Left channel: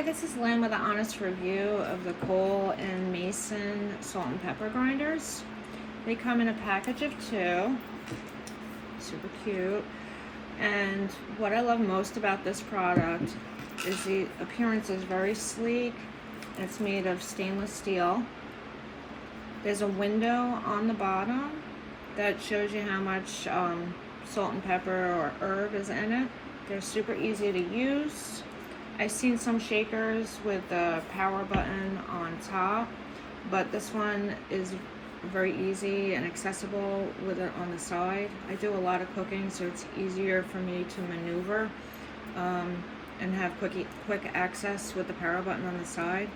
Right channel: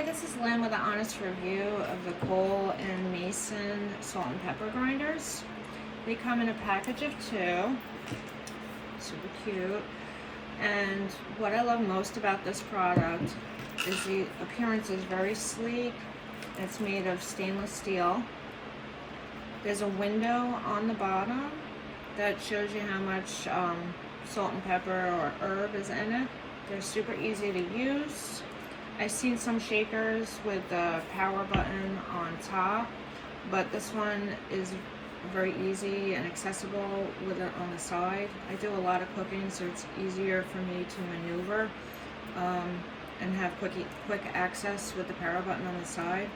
Hi, this is Lynn with an honest review of the Cole and Mason salt and pepper grinders. They come in a package of 2, super cute. And what I love most about this product is the appearance is very sleek. It's made of stainless steel. There's a window on the bottom that shows you how much salt and pepper or herb is in it. They're super easy to use. I've seen some shakers with the power button on top, but this one is very easy and accessible with it on the side. I do a lot of cooking, so it's easier for me to maneuver and have quick access with the power button on the side.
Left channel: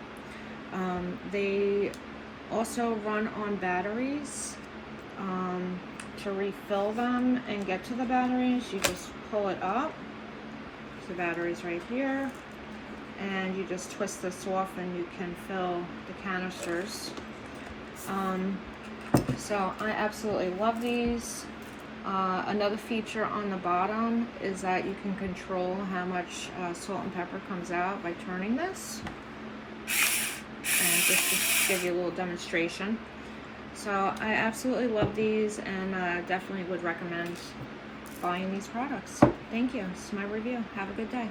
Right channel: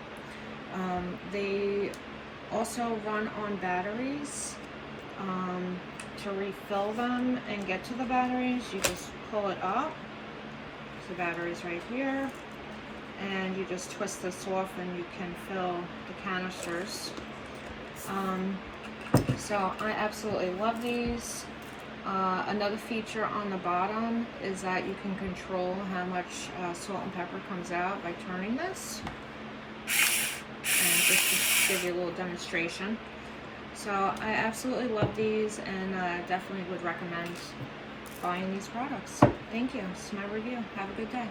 They also run on batteries. To refill them and get to the batteries, you just pull it up. So the battery's right here, and you just twist this off and you can fill the canisters. So I absolutely love these. Another feature on the bottom is that you can control how much salt and pepper comes out by turning this. And just to give you a little demonstration. So I absolutely love these, and definitely would recommend buying these products. Thank you. This is my review. Have a good day.